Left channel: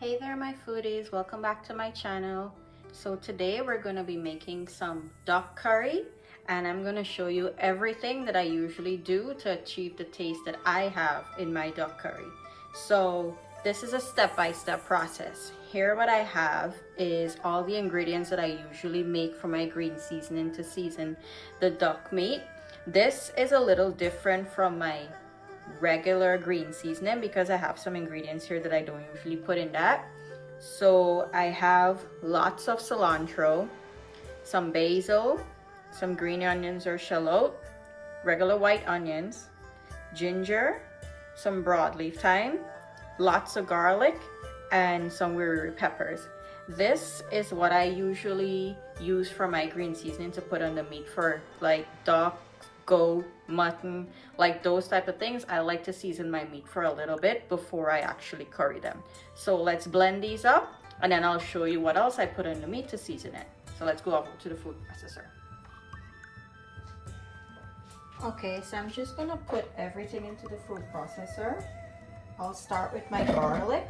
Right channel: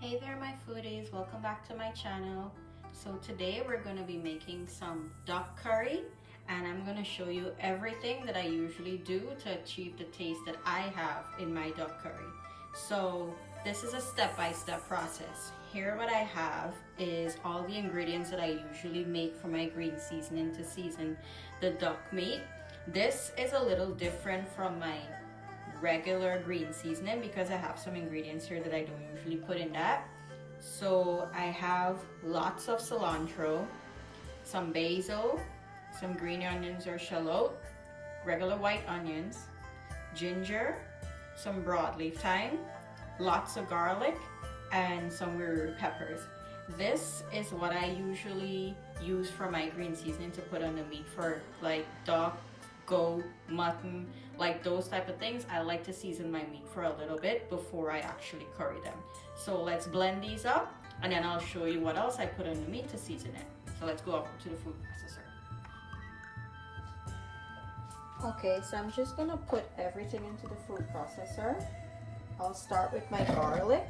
Hey there my foodies, welcome back to my channel. So today we're going to be making some duck curry and I'm going to show you everything that I usually do to achieve the taste that I have in my duck curry. So this is a step-by-step process. Here what I have is all the ingredients that I usually make for my green seasoning to season the duck meat. This is a little different from my regular green seasoning because I have some ingredients here that I don't usually put in that. So I have lots of cilantro, some basil, some green onions or shallot, regular white onions, ginger, some broadleaf thyme, lots of garlic, and some wiri peppers. This is what I usually use for my green seasoning to put on the meat for like duck, goat, mutton, like those type of things. I like to season my meat for a little bit before I actually curry them. So let's blend these up and then I'll show you what else I put on the meat to season it. So let's go over to the food processor. Okay, so I'm just gonna put everything into the food processor. I'll start with my garlic.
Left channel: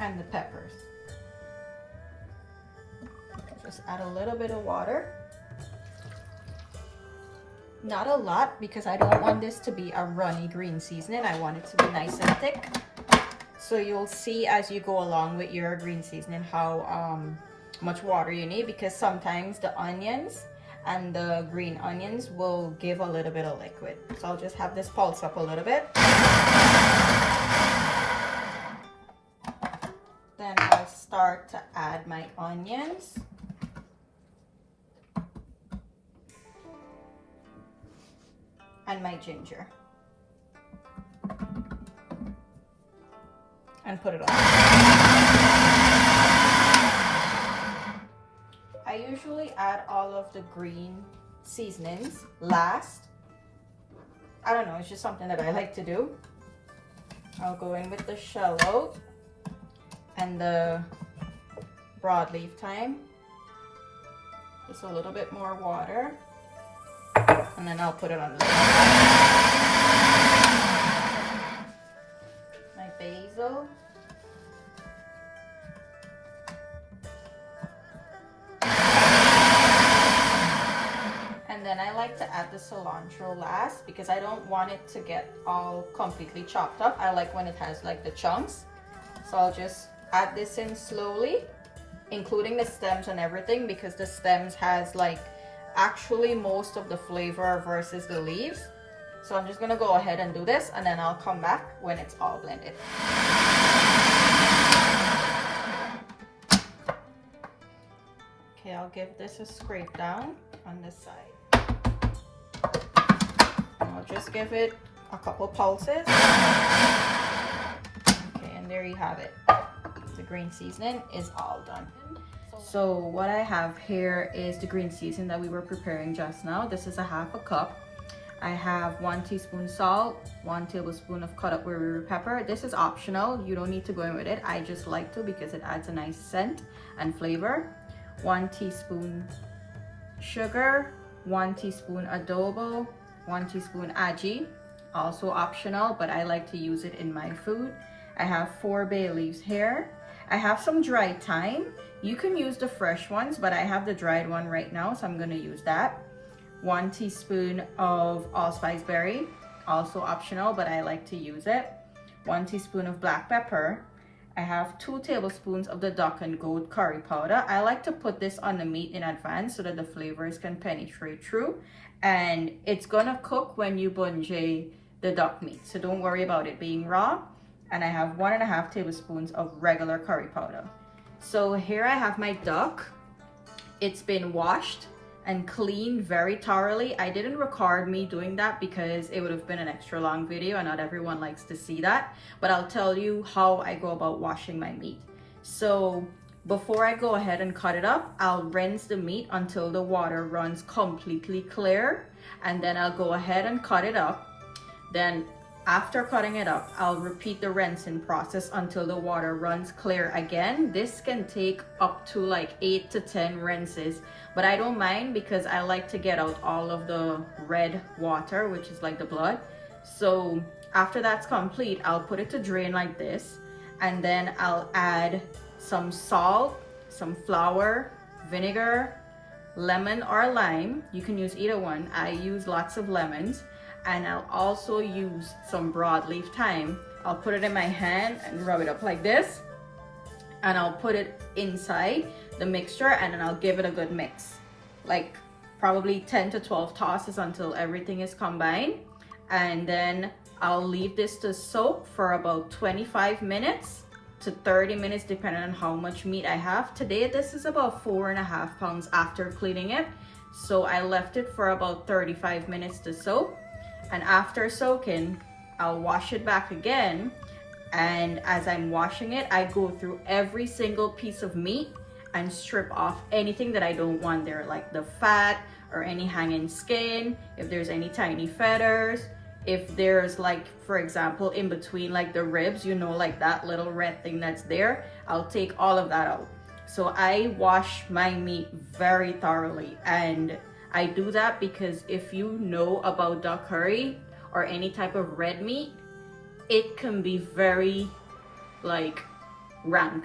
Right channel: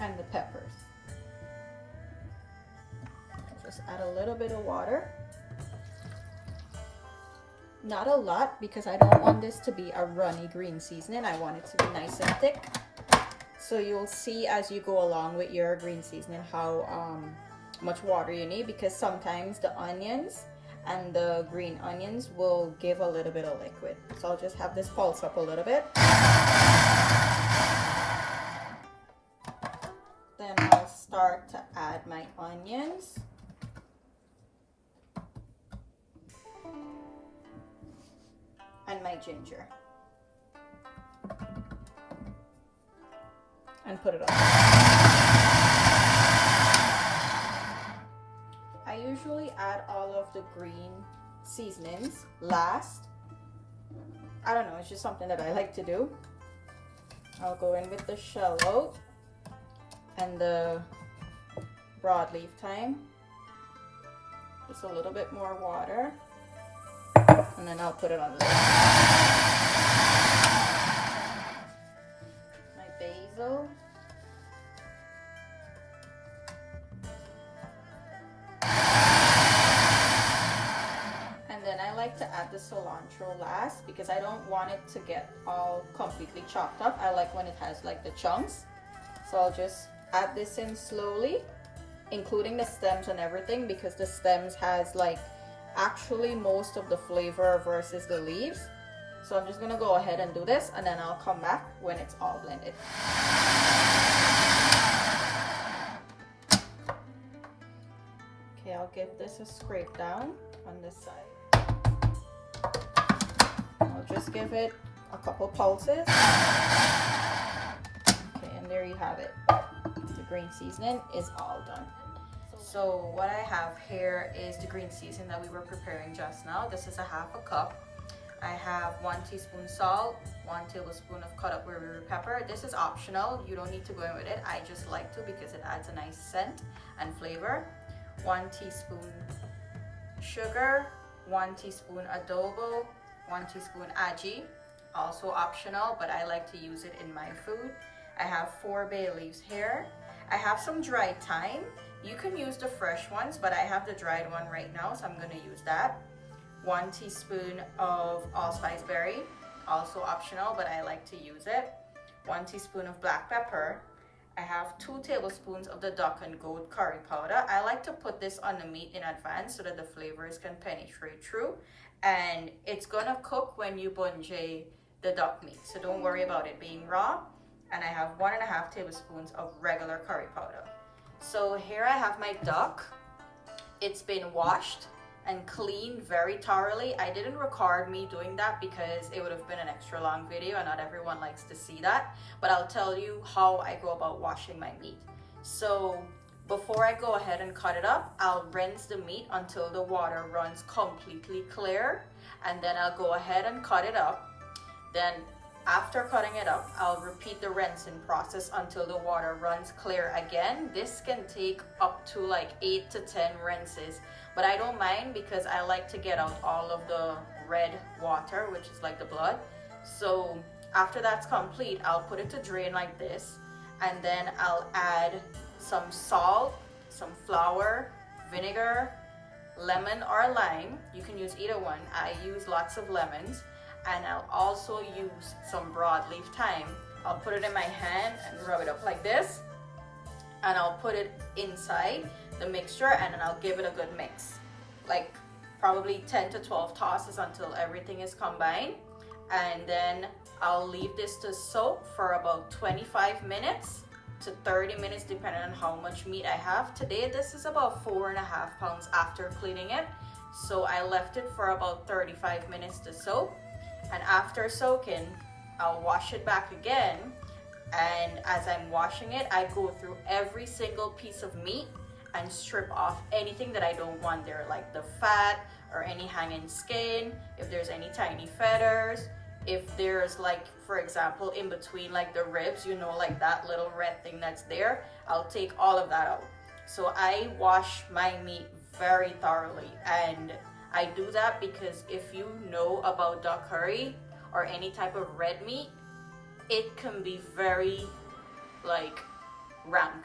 And the peppers. Just add a little bit of water. Not a lot because I don't want this to be a runny green seasoning. I want it to be nice and thick. So you'll see as you go along with your green seasoning how much water you need, because sometimes the onions and the green onions will give a little bit of liquid. So I'll just have this pulse up a little bit. Then I'll start to add my onions. And my ginger. And put it on. I usually add all of the green seasonings last. I don't know, it's just something that I like to do. I'll go in with the shallot and the broadleaf thyme. Just a little bit more water. And then I'll put it on the my basil. And then I like to add the cilantro last because I don't want it to get all completely chopped up. I like when it has like the chunks. So I'll just add this in slowly, including the stems and everything, because the stems has like actually most of the flavor versus the leaves. So I'm just gonna go ahead and do this and then I'll come back when it's all blended. Okay, I'll give this a scrape down on this side. I'll just give it a couple pulses. Okay, and there you have it. The green seasoning is all done. So what I have here is the green seasoning that we were preparing just now. This is a half a cup. I have 1 teaspoon salt, 1 tablespoon of cut up wiri pepper. This is optional. You don't need to go in with it. I just like to because it adds a nice scent and flavor. 1 teaspoon sugar, 1 teaspoon adobo, 1 teaspoon Agee. Also optional, but I like to use it in my food. I have 4 bay leaves here. I have some dried thyme. You can use the fresh ones, but I have the dried one right now, so I'm gonna use that. 1 teaspoon of allspice berry, also optional, but I like to use it. 1 teaspoon of black pepper. I have 2 tablespoons of the duck and goat curry powder. I like to put this on the meat in advance so that the flavors can penetrate through, and it's gonna cook when you bungee the duck meat, so don't worry about it being raw. And I have 1.5 tablespoons of regular curry powder. So here I have my duck. It's been washed and cleaned very thoroughly. I didn't record me doing that because it would have been an extra long video and not everyone likes to see that. But I'll tell you how I go about washing my meat. So before I go ahead and cut it up, I'll rinse the meat until the water runs completely clear. And then I'll go ahead and cut it up. Then after cutting it up, I'll repeat the rinsing process until the water runs clear again. This can take up to like 8 to 10 rinses but I don't mind because I like to get out all of the red water, which is like the blood. So after that's complete, I'll put it to drain like this, and then I'll add some salt, some flour, vinegar, lemon or lime. You can use either one. I use lots of lemons, and I'll also use some broadleaf thyme. I'll put it in my hand and rub it up like this, and I'll put it inside the mixture, and then I'll give it a good mix, like probably 10 to 12 tosses until everything is combined. And then I'll leave this to soak for about 25 minutes to 30 minutes depending on how much meat I have. Today this is about 4.5 pounds after cleaning it, so I left it for about 35 minutes to soak. And after soaking, I'll wash it back again, and as I'm washing it, I go through every single piece of meat and strip off anything that I don't want there, like the fat or any hanging skin, if there's any tiny feathers, if there's, like, for example, in between like the ribs, you know, like that little red thing that's there, I'll take all of that out. So I wash my meat very thoroughly, and I do that because if you know about duck curry or any type of red meat, it can be very like rank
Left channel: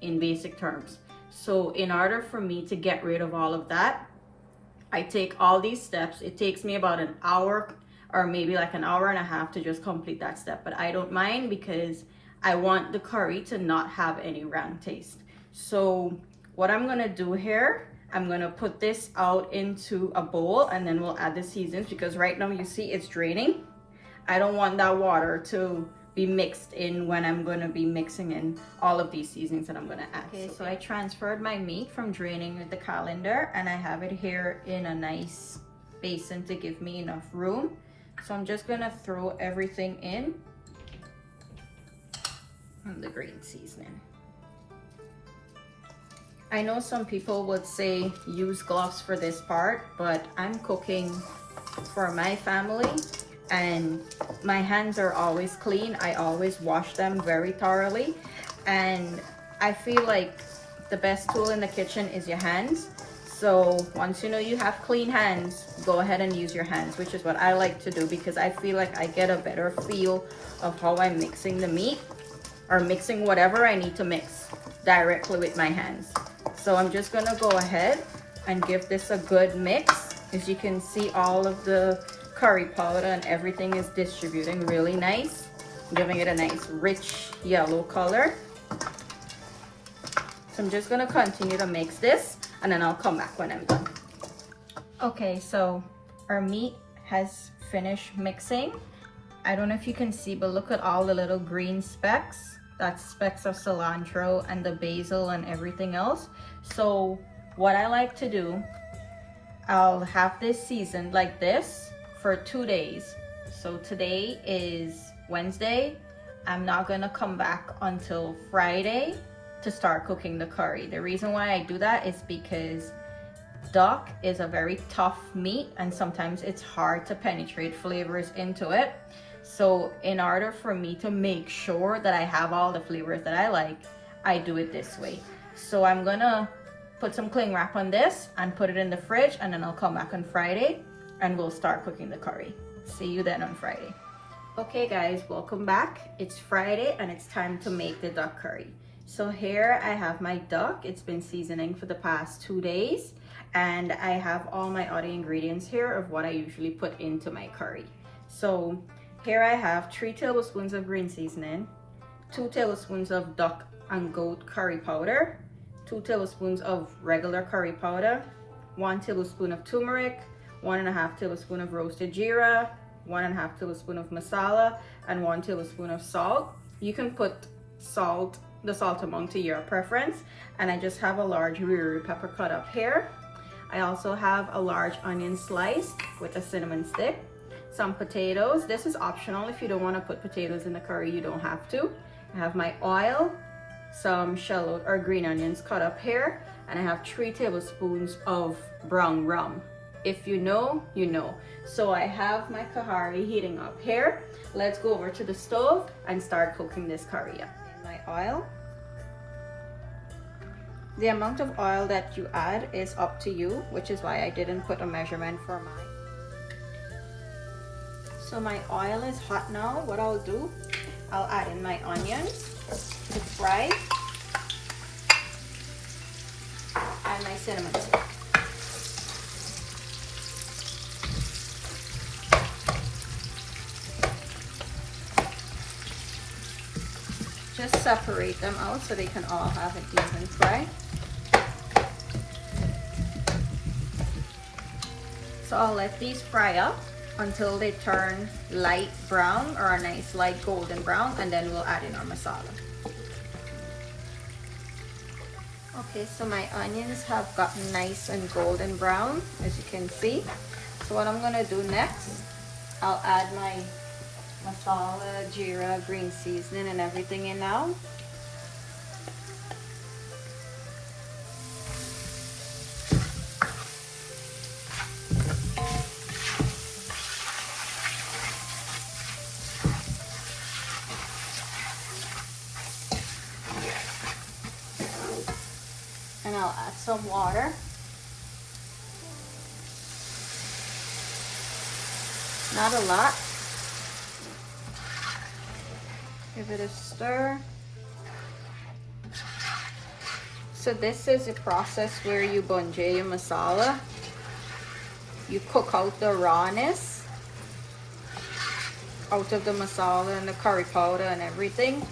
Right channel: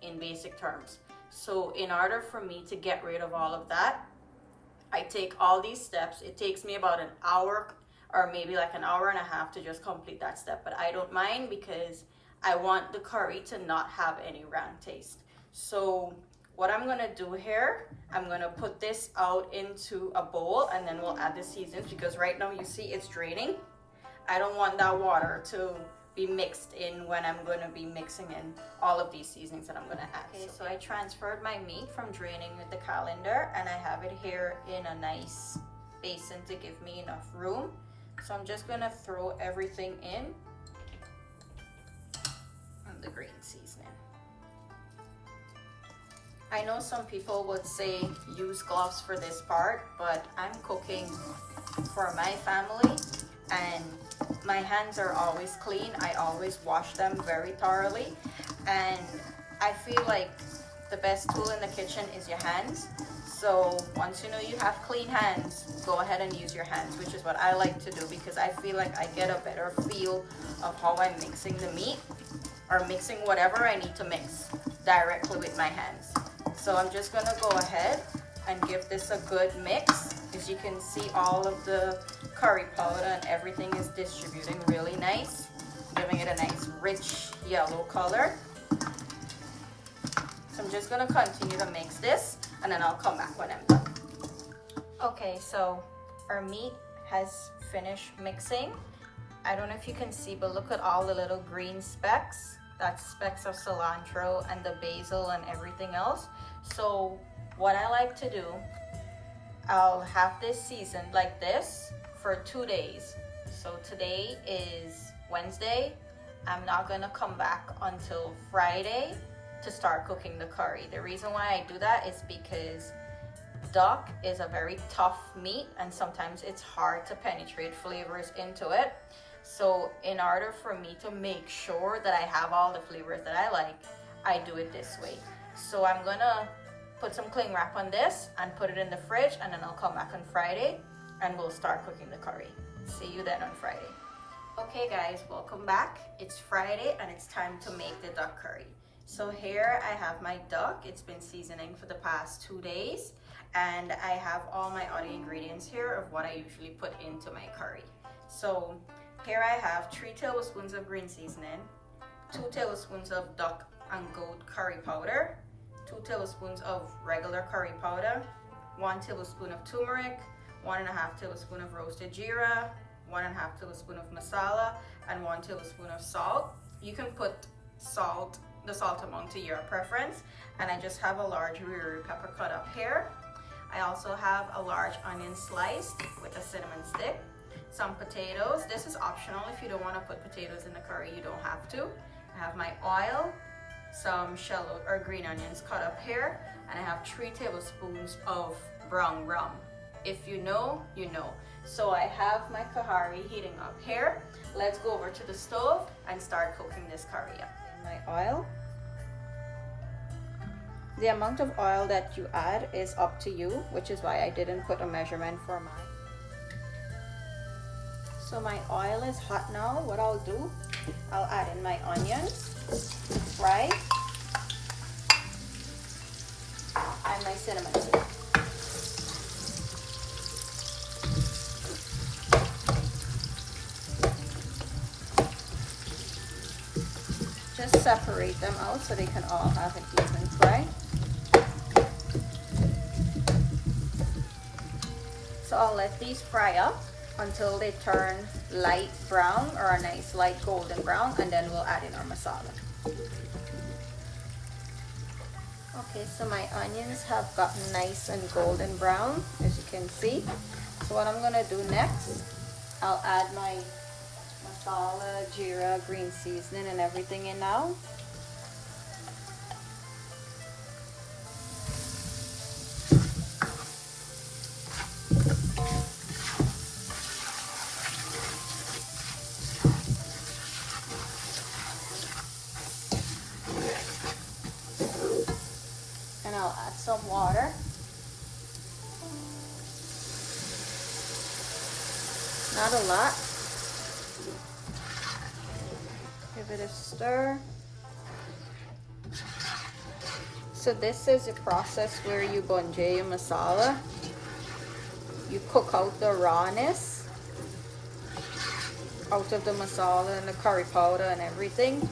in basic terms. So in order for me to get rid of all of that, I take all these steps. It takes me about an hour or maybe like an hour and a half to just complete that step, but I don't mind because I want the curry to not have any rank taste. So what I'm gonna do here, I'm gonna put this out into a bowl, and then we'll add the seasonings, because right now you see it's draining. I don't want that water to be mixed in when I'm going to be mixing in all of these seasonings that I'm going to add. Okay, so I transferred my meat from draining with the colander, and I have it here in a nice basin to give me enough room. So I'm just going to throw everything in and the green seasoning. I know some people would say use gloves for this part, but I'm cooking for my family and my hands are always clean. I always wash them very thoroughly, and I feel like the best tool in the kitchen is your hands. So once you know you have clean hands, go ahead and use your hands, which is what I like to do, because I feel like I get a better feel of how I'm mixing the meat or mixing whatever I need to mix directly with my hands. So I'm just gonna go ahead and give this a good mix. As you can see, all of the curry powder and everything is distributing really nice, giving it a nice rich yellow color. So I'm just gonna continue to mix this, and then I'll come back when I'm done. Okay, so our meat has finished mixing. I don't know if you can see, but look at all the little green specks. That's specks of cilantro and the basil and everything else. So what I like to do, I'll have this seasoned like this for 2 days. So today is Wednesday. I'm not gonna come back until Friday to start cooking the curry. The reason why I do that is because duck is a very tough meat, and sometimes it's hard to penetrate flavors into it. So in order for me to make sure that I have all the flavors that I like, I do it this way. So I'm gonna put some cling wrap on this and put it in the fridge, and then I'll come back on Friday and we'll start cooking the curry. See you then on Friday. Okay guys, welcome back. It's Friday and it's time to make the duck curry. So here I have my duck. It's been seasoning for the past 2 days, and I have all my other ingredients here of what I usually put into my curry. So here I have 3 tablespoons of green seasoning, 2 tablespoons of duck and goat curry powder, 2 tablespoons of regular curry powder, 1 tablespoon of turmeric, 1.5 tablespoon of roasted geera, 1.5 tablespoon of masala, and 1 tablespoon of salt. You can put the salt amount to your preference, and I just have a large wiri pepper cut up here. I also have a large onion sliced with a cinnamon stick, some potatoes. This is optional. If you don't want to put potatoes in the curry, you don't have to. I have my oil, some shallot or green onions cut up here, and I have 3 tablespoons of brown rum. If you know, you know. So I have my kahari heating up here. Let's go over to the stove and start cooking this curry up. My oil, The amount of oil that you add is up to you, which is why I didn't put a measurement for mine. So my oil is hot now. What I'll do, I'll add in my onions to fry and my cinnamon stick. Just separate them out so they can all have an even fry. So I'll let these fry up until they turn light brown or a nice light golden brown, and then we'll add in our masala. Okay, so my onions have gotten nice and golden brown, as you can see. So what I'm gonna do next, I'll add my masala, geera, green seasoning and everything in now. And I'll add some water. Not a lot. Give it a stir. So this is a process where you bunje your masala. You cook out the rawness out of the masala and the curry powder and everything.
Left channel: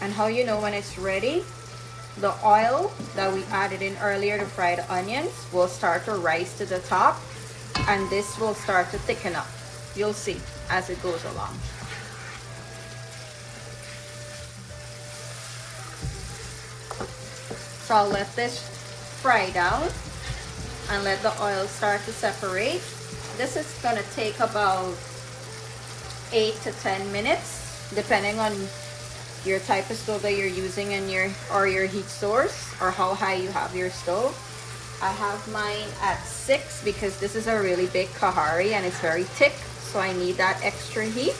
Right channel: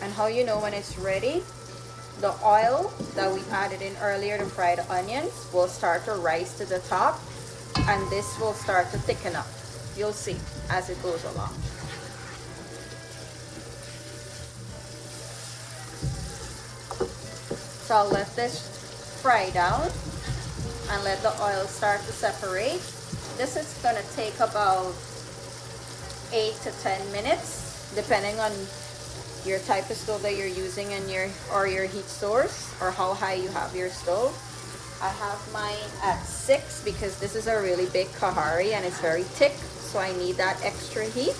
And how you know when it's ready, the oil that we added in earlier to fry the onions will start to rise to the top, and this will start to thicken up. You'll see as it goes along. So I'll let this fry down and let the oil start to separate. This is gonna take about 8 to 10 minutes, depending on your type of stove that you're using in your heat source, or how high you have your stove. I have mine at 6 because this is a really big kahari and it's very thick, so I need that extra heat.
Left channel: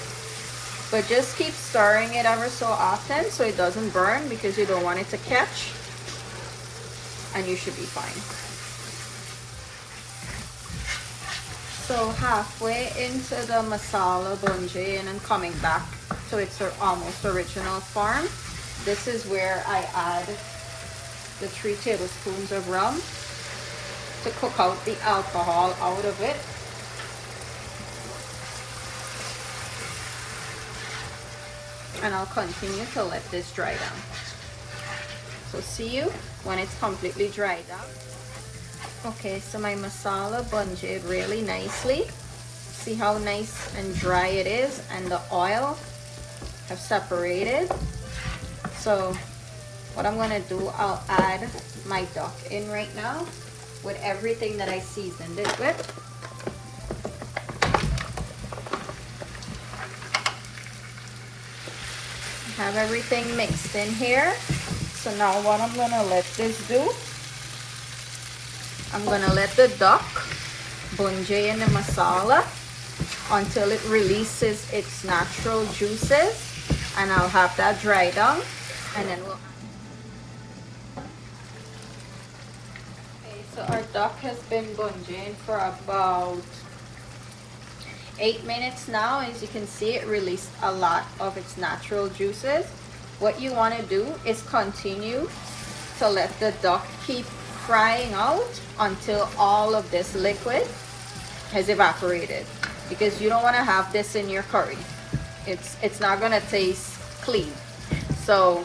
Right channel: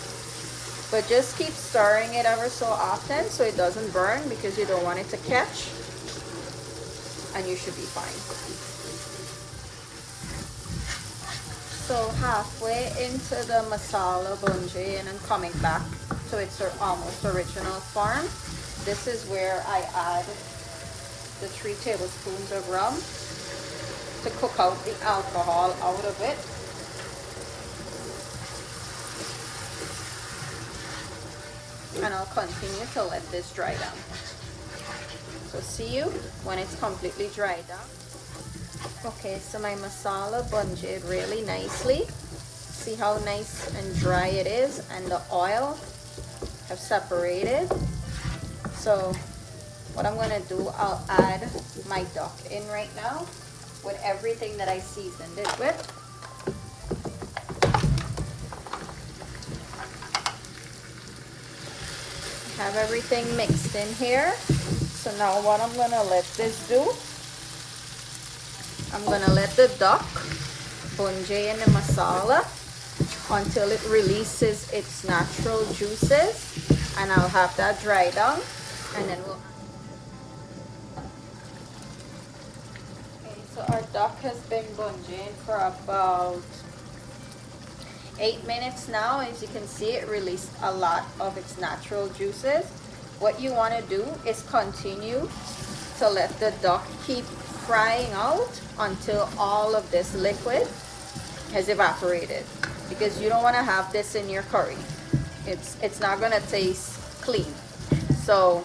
But just keep stirring it ever so often so it doesn't burn, because you don't want it to catch, and you should be fine. So halfway into the masala bunje and then coming back to its almost original form, this is where I add the 3 tablespoons of rum to cook out the alcohol out of it. And I'll continue to let this dry down. So see you when it's completely dried down. Okay, so my masala bunje really nicely. See how nice and dry it is, and the oil have separated. So what I'm gonna do, I'll add my duck in right now with everything that I seasoned it with. Have everything mixed in here. So now what I'm gonna let this do, I'm gonna let the duck bunje in the masala until it releases its natural juices, and I'll have that dry down, and then we'll... Okay, so our duck has been bunjing for about 8 minutes now. As you can see, it released a lot of its natural juices. What you want to do is continue to let the duck keep frying out until all of this liquid has evaporated, because you don't want to have this in your curry. It's not gonna taste clean. So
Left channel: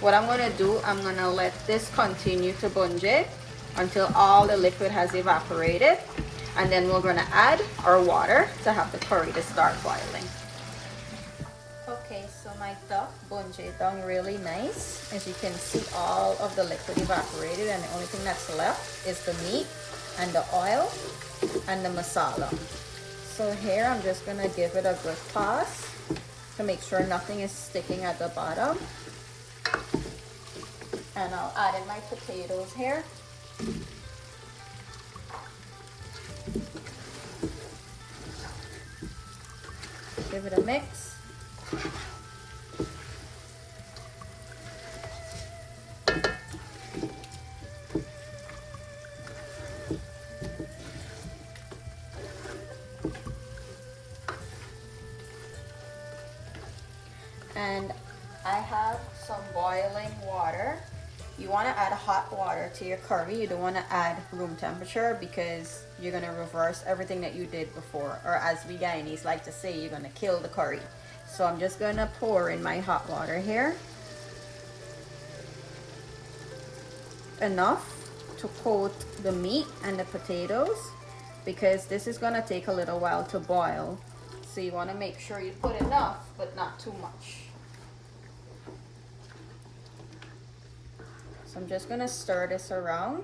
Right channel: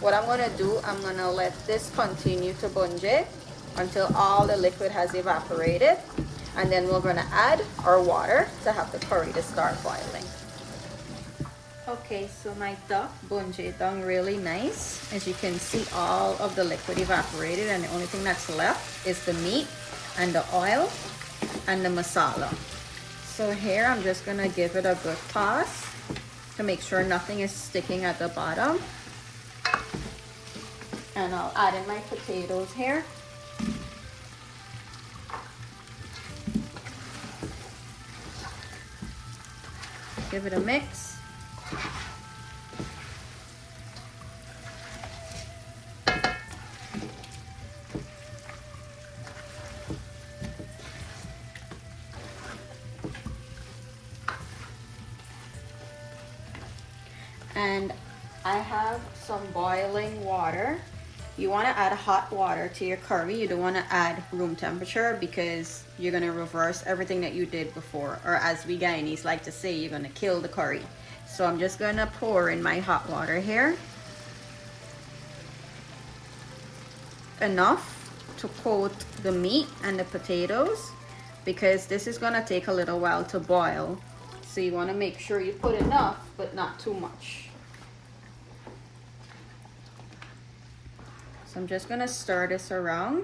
what I'm gonna do, I'm gonna let this continue to bunje until all the liquid has evaporated, and then we're gonna add our water to have the curry to start boiling. Okay, so my duck bunje down really nice. As you can see, all of the liquid evaporated, and the only thing that's left is the meat and the oil and the masala. So here I'm just gonna give it a good toss to make sure nothing is sticking at the bottom. And I'll add in my potatoes here. Give it a mix. hot water to your curry. You don't want to add room temperature because you're going to reverse everything that you did before. Or as we Guyanese like to say, you're going to kill the curry. So I'm just going to pour in my hot water here. Enough to coat the meat and the potatoes because this is going to take a little while to boil. So you want to make sure you put enough, but not too much. So I'm just going to stir this around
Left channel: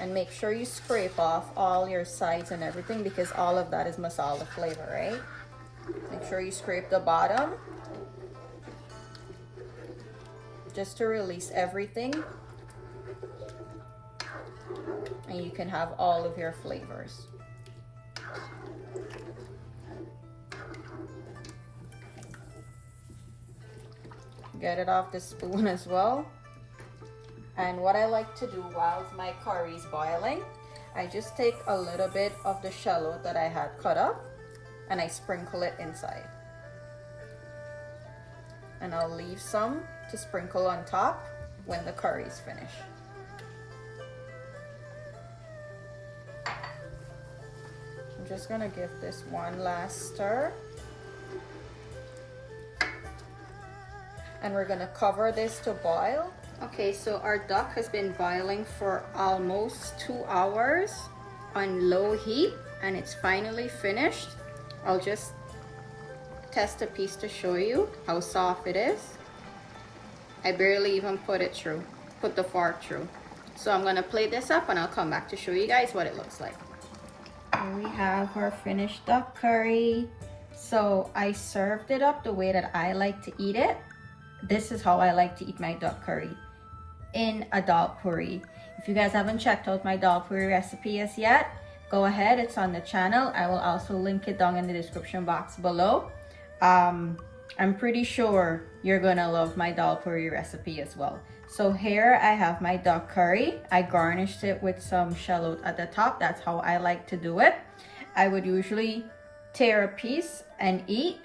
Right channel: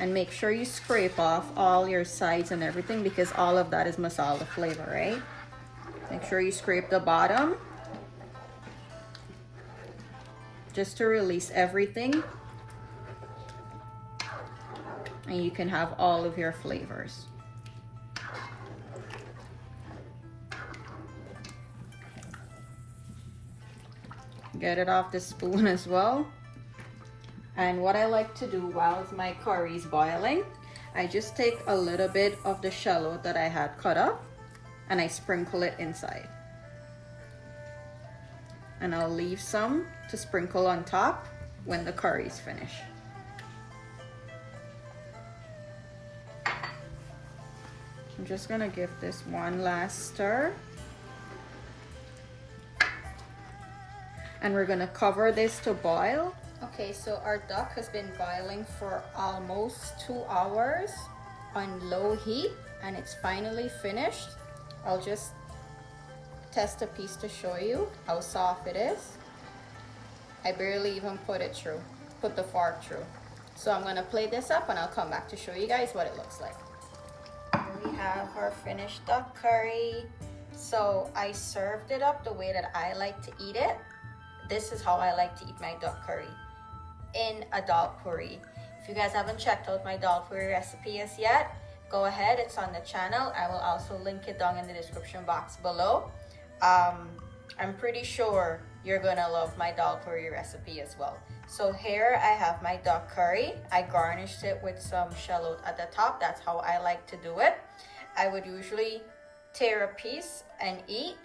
and make sure you scrape off all your sides and everything because all of that is masala flavor, right? Make sure you scrape the bottom just to release everything. And you can have all of your flavors. Get it off the spoon as well. And what I like to do while my curry is boiling, I just take a little bit of the shallot that I had cut up and I sprinkle it inside. And I'll leave some to sprinkle on top when the curry is finished. I'm just gonna give this one last stir. And we're gonna cover this to boil. Okay, so our duck has been boiling for almost 2 hours on low heat and it's finally finished. I'll just test a piece to show you how soft it is. I barely even put the fork through. So I'm gonna plate this up and I'll come back to show you guys what it looks like. Here we have our finished duck curry. So I served it up the way that I like to eat it. This is how I like to eat my duck curry, in a dal puri. If you guys haven't checked out my dal puri recipe as yet, go ahead, it's on the channel. I will also link it down in the description box below. I'm pretty sure you're gonna love my dal puri recipe as well. So here I have my duck curry. I garnished it with some shallot at the top. That's how I like to do it. I would usually tear a piece and eat,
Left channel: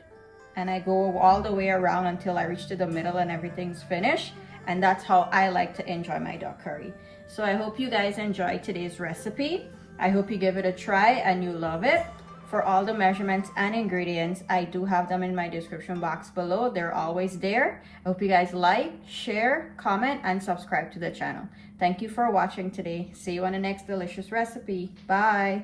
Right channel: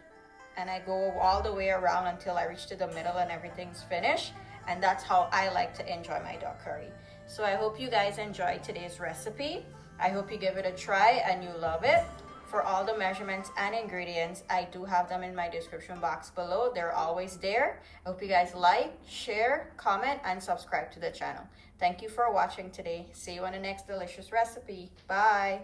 and I go all the way around until I reach to the middle and everything's finished. And that's how I like to enjoy my duck curry. So I hope you guys enjoyed today's recipe. I hope you give it a try and you love it. For all the measurements and ingredients, I do have them in my description box below. They're always there. I hope you guys like, share, comment, and subscribe to the channel. Thank you for watching today. See you on the next delicious recipe. Bye.